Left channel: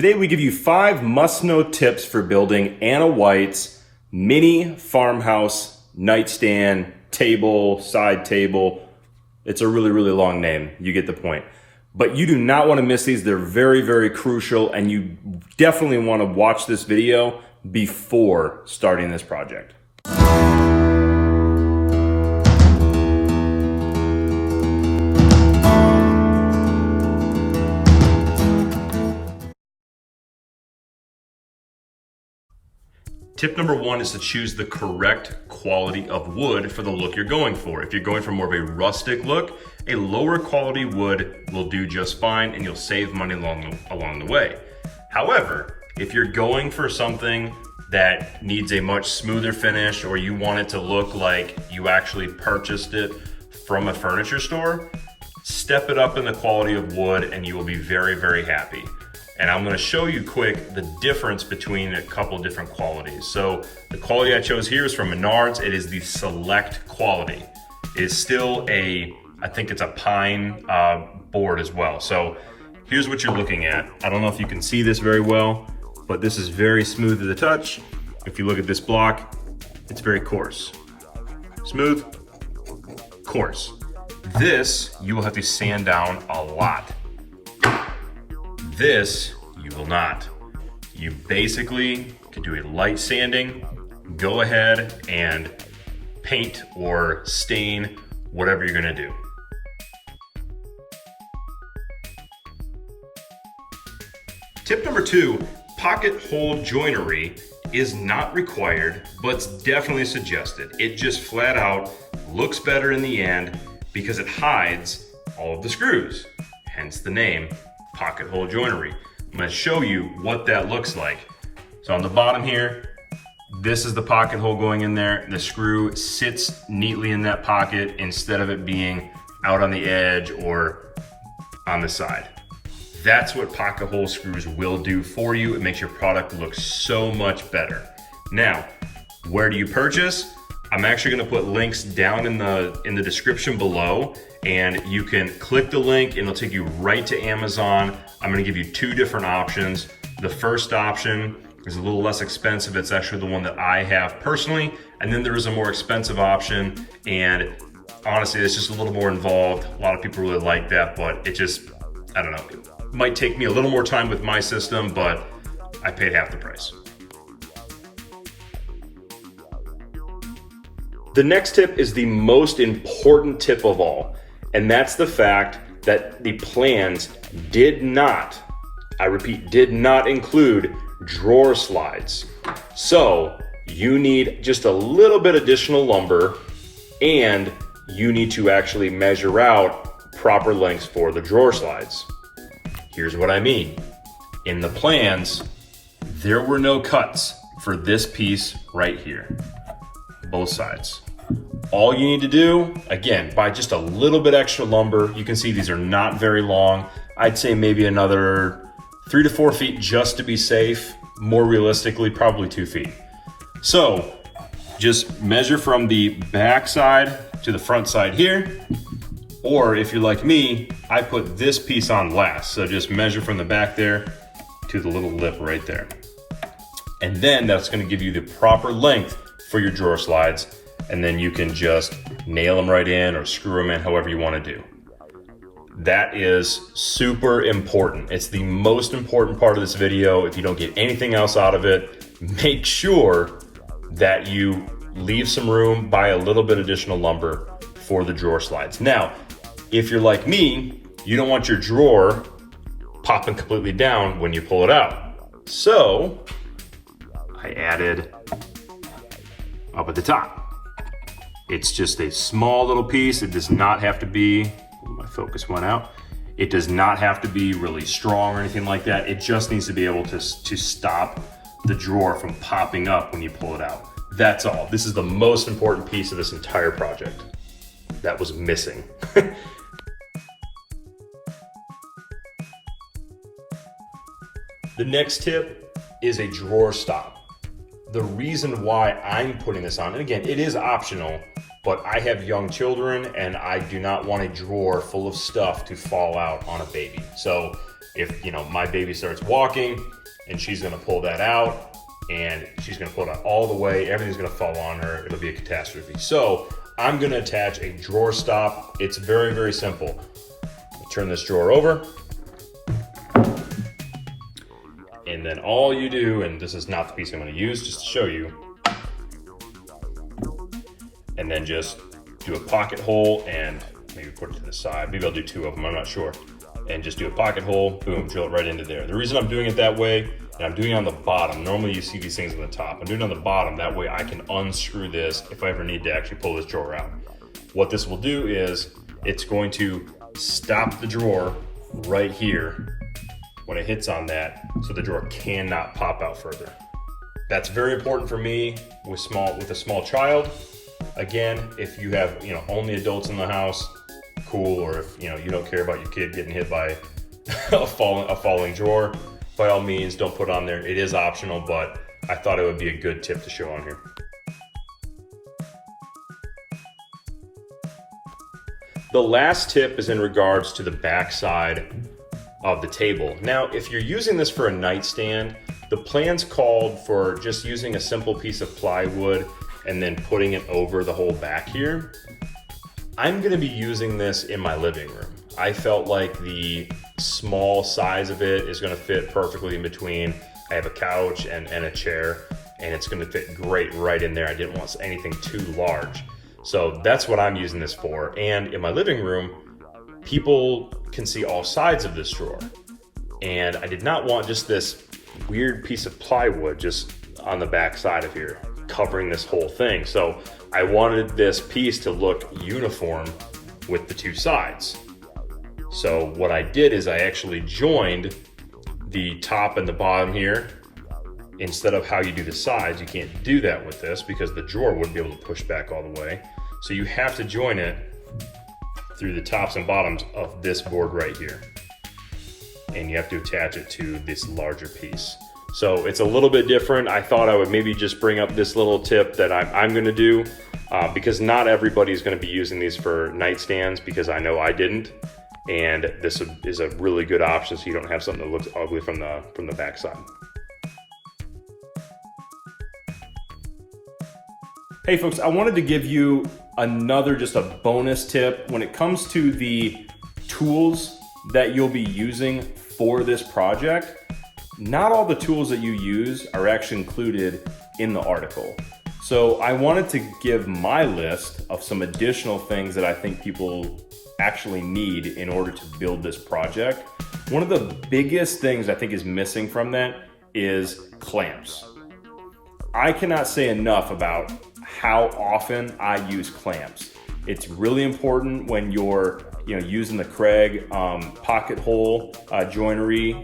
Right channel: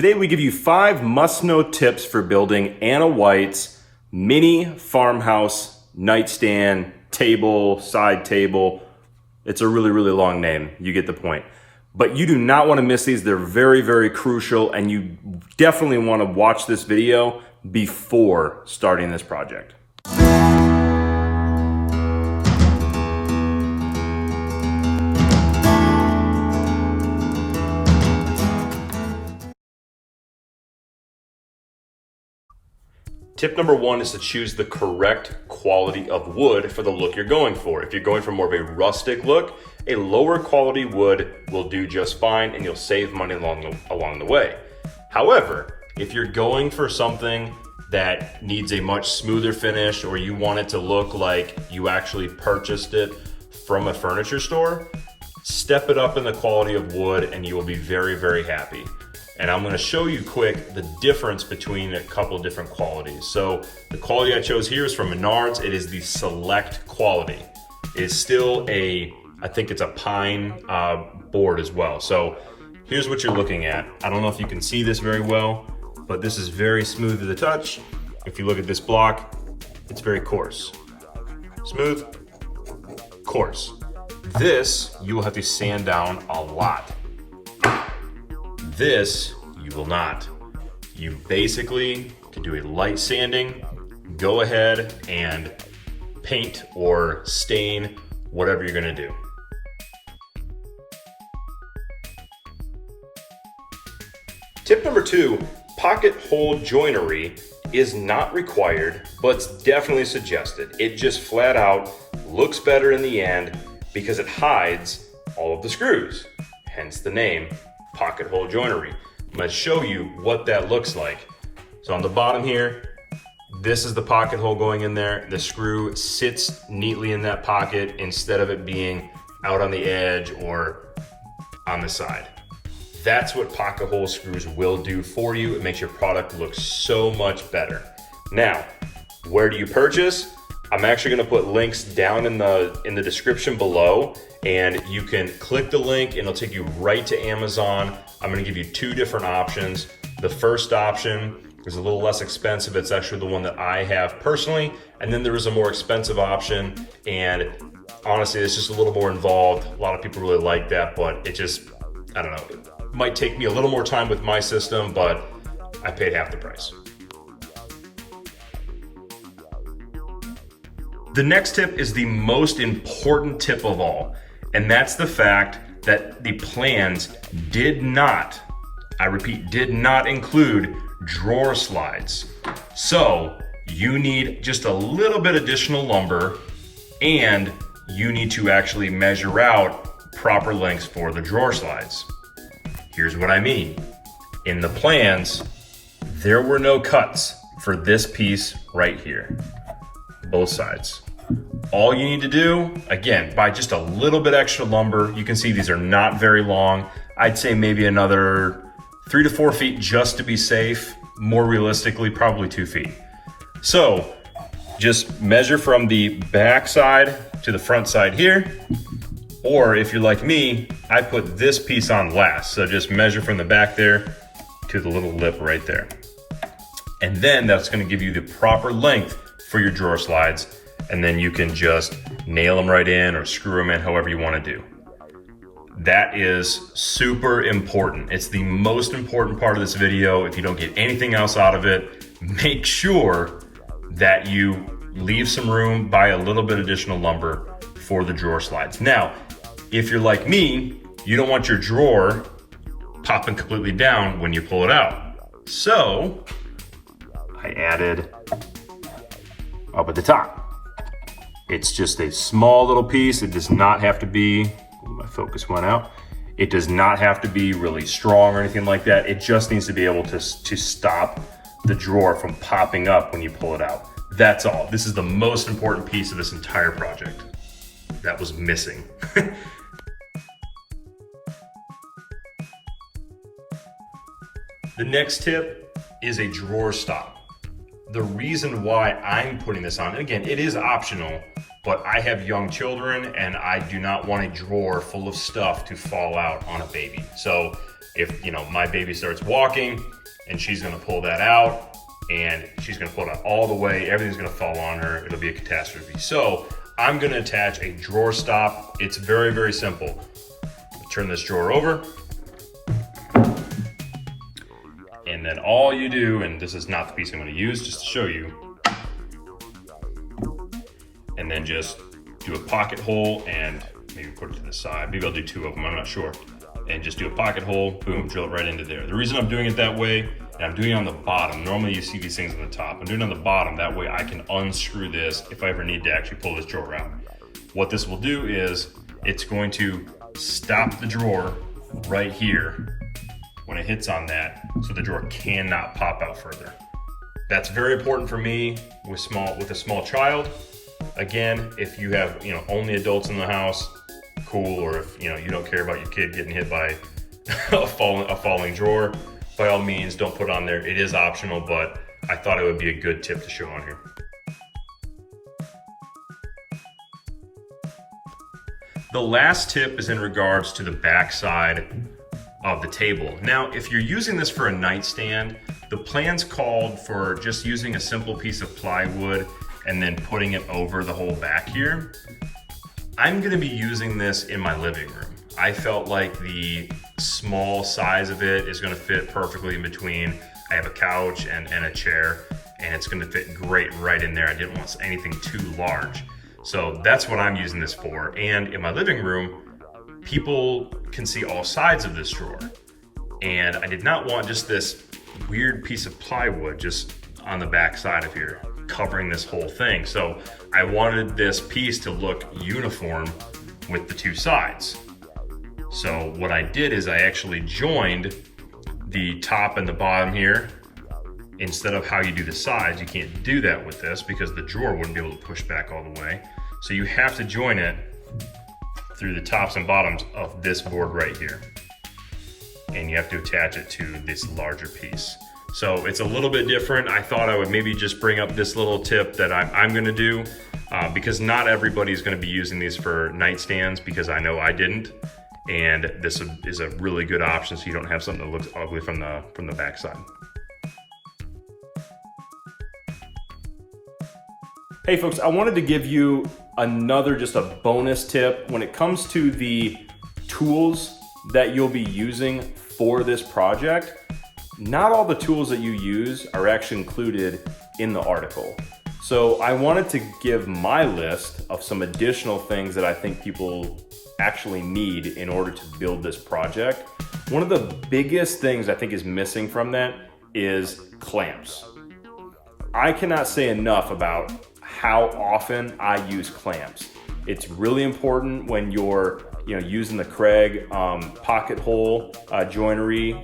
Today we give you 5 must-know tips for building Anna White's mini farmhouse nightstand, table, side table. It's a really, really long name. You get the point. But you do not want to miss these. They're very, very crucial, and you definitely want to watch this video before starting this project. Tip number 1 is to choose the correct quality of wood for the look you're going for. If you're going for more of a rustic look, a lower quality wood will do just fine and you'll save money along the way. However, if you're going for something that needs a much smoother finish, or you want it to look like you actually purchased it from a furniture store, step it up in the quality of wood and you will be very, very happy. And I'm gonna show you quick the difference between a couple of different qualities. So the quality I chose here is from Menards. It is the Select quality. It is still I think it's a pine board as well. So here's what you're looking at. I don't know if you can see this very well, but this is very smooth to the touch. If you look at this block, it's very coarse. Smooth, coarse. This, you will have to sand down a lot. This, you will not. You basically can do a light sanding, go ahead and paint or stain whatever you're gonna do. Tip number 2, pocket hole joinery is not required, but it's definitely suggested. It just flat out looks better in the end because it hides all of the screws, hence the name pocket hole joinery. I'm gonna show you what that looks like. So on the bottom here, this is the pocket hole going in there. The screw sits neatly in that pocket instead of it being out on the edge or on the side. That's what pocket hole screws will do for you. It makes your product look so much better. Now, where do you purchase? I'm actually gonna put links down in the description below, and you can click the link and it'll take you right to Amazon. I'm gonna give you 2 different options. The first option is a little less expensive. It's actually the one that I have personally. And then there is a more expensive option, and honestly, it's just a little more involved. A lot of people really like that, but it just, I don't know. It might take me a little more time with my system, but I paid half the price. The next tip is the most important tip of all, and that's the fact that the plans did not, I repeat, did not include drawer slides. So you need just a little bit additional lumber, and you need to actually measure out proper lengths for the drawer slides. Here's what I mean. In the plans, there were no cuts for this piece right here. Both sides. All you need to do, again, buy just a little bit extra lumber. You can see these are not very long. I'd say maybe another 3 to 4 feet just to be safe. More realistically, probably 2 feet. So just measure from the back side to the front side here. Or if you're like me, I put this piece on last. So just measure from the back there to the little lip right there. And then that's gonna give you the proper length for your drawer slides, and then you can just nail them right in or screw them in however you want to do. That is super important. It's the most important part of this video. If you don't get anything else out of it, make sure that you leave some room, buy a little bit additional lumber for the drawer slides. Now, if you're like me, you don't want your drawer popping completely down when you pull it out. So I added up at the top. It's just a small little piece. It does not have to be, my focus went out. It does not have to be really strong or anything like that. It just needs to be able to stop the drawer from popping up when you pull it out. That's all. This is the most important piece of this entire project. That was missing. The next tip is a drawer stop. The reason why I'm putting this on, and again, it is optional, but I have young children and I do not want a drawer full of stuff to fall out on a baby. So if, you know, my baby starts walking and she's gonna pull that out and she's gonna pull it out all the way, everything's gonna fall on her, it'll be a catastrophe. So I'm gonna attach a drawer stop. It's very, very simple. Turn this drawer over. And then all you do, and this is not the piece I'm gonna use, just to show you, and then just do a pocket hole and maybe put it to the side. Maybe I'll do two of them, I'm not sure. And just do a pocket hole, boom, drill it right into there. The reason I'm doing it that way, and I'm doing it on the bottom, normally you see these things on the top. I'm doing it on the bottom, that way I can unscrew this if I ever need to actually pull this drawer out. What this will do is, it's going to stop the drawer right here when it hits on that, so the drawer cannot pop out further. That's very important for me with a small child. Again, if you have, you know, only adults in the house, cool, or if, you know, you don't care about your kid getting hit by a falling drawer, by all means, don't put it on there. It is optional, but I thought it would be a good tip to show on here. The last tip is in regards to the back side of the table. Now, if you're using this for a nightstand, the plans called for just using a simple piece of plywood and then putting it over the whole back here. I'm gonna be using this in my living room. I felt like the small size of it is gonna fit perfectly in between. I have a couch and a chair, and it's gonna fit great right in there. I didn't want anything too large. So that's what I'm using this for. And in my living room, people can see all sides of this drawer. And I did not want just this weird piece of plywood just on the back side of here, covering this whole thing. So I wanted this piece to look uniform with the two sides. So what I did is I actually joined the top and the bottom here. Instead of how you do the sides, you can't do that with this because the drawer wouldn't be able to push back all the way. So you have to join it through the tops and bottoms of this board right here. And you have to attach it to this larger piece. So it's a little bit different. I thought I would maybe just bring up this little tip that I'm gonna do because not everybody's gonna be using these for nightstands, because I know I didn't. And this is a really good option so you don't have something that looks ugly from the back side. Hey folks, I wanted to give you another, just a bonus tip when it comes to the tools that you'll be using for this project. Not all the tools that you use are actually included in the article. So I wanted to give my list of some additional things that I think people actually need in order to build this project. One of the biggest things I think is missing from that is clamps. I cannot say enough about how often I use clamps. It's really important when you're using the Kreg pocket hole joinery.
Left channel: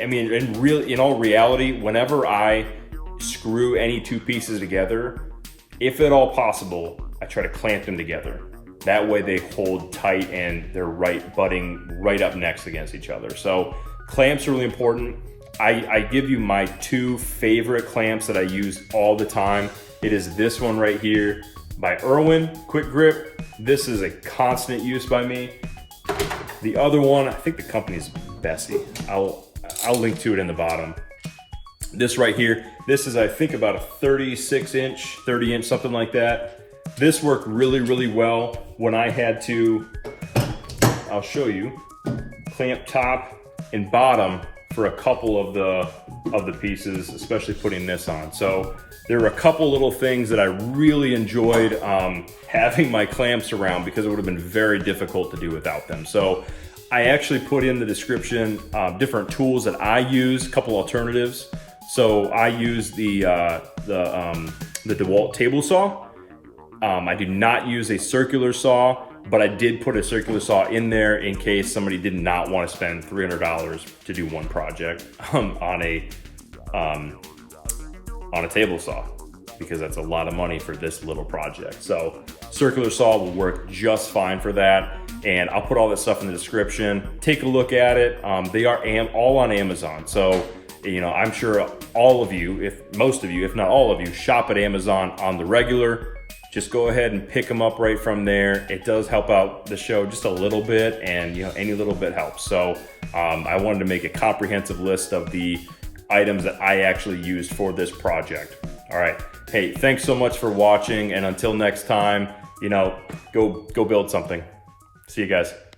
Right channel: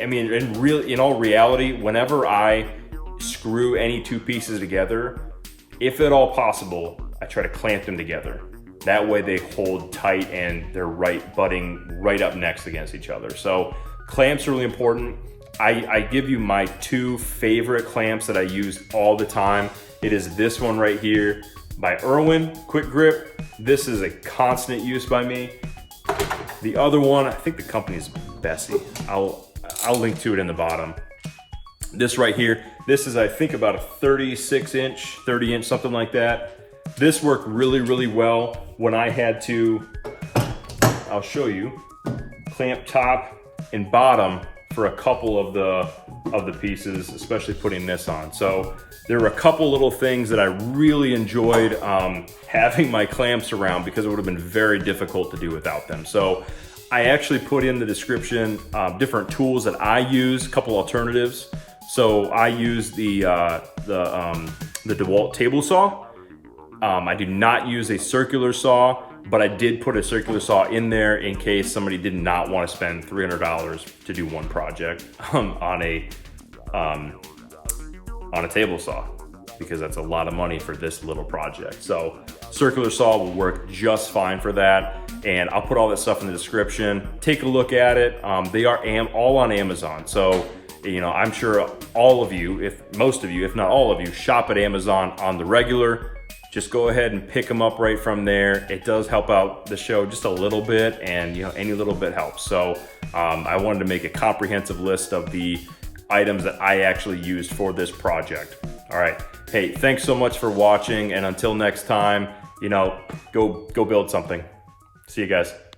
I mean, in all reality, whenever I screw any two pieces together, if at all possible, I try to clamp them together. That way they hold tight and they're butting right up next against each other. So clamps are really important. I give you my two favorite clamps that I use all the time. It is this one right here by Irwin, Quick Grip. This is a constant use by me. The other one, I think the company is Bedside. I'll link to it in the bottom. This right here, this is I think about a 36-inch, 30-inch, something like that. This worked really, really well when I had to, I'll show you, clamp top and bottom for a couple of the pieces, especially putting this on. So there were a couple little things that I really enjoyed having my clamps around, because it would have been very difficult to do without them. So I actually put in the description different tools that I use, a couple alternatives. So I use the DeWalt table saw. I do not use a circular saw, but I did put a circular saw in there in case somebody did not want to spend $300 to do one project on a table saw, because that's a lot of money for this little project. So circular saw will work just fine for that. And I'll put all that stuff in the description. Take a look at it. They are all on Amazon. So, I'm sure all of you, if most of you, if not all of you, shop at Amazon on the regular. just go ahead and pick them up right from there. It does help out the show just a little bit, and any little bit helps. So I wanted to make a comprehensive list of the items that I actually used for this project. All right, hey, thanks so much for watching, and until next time, go build something. See you guys.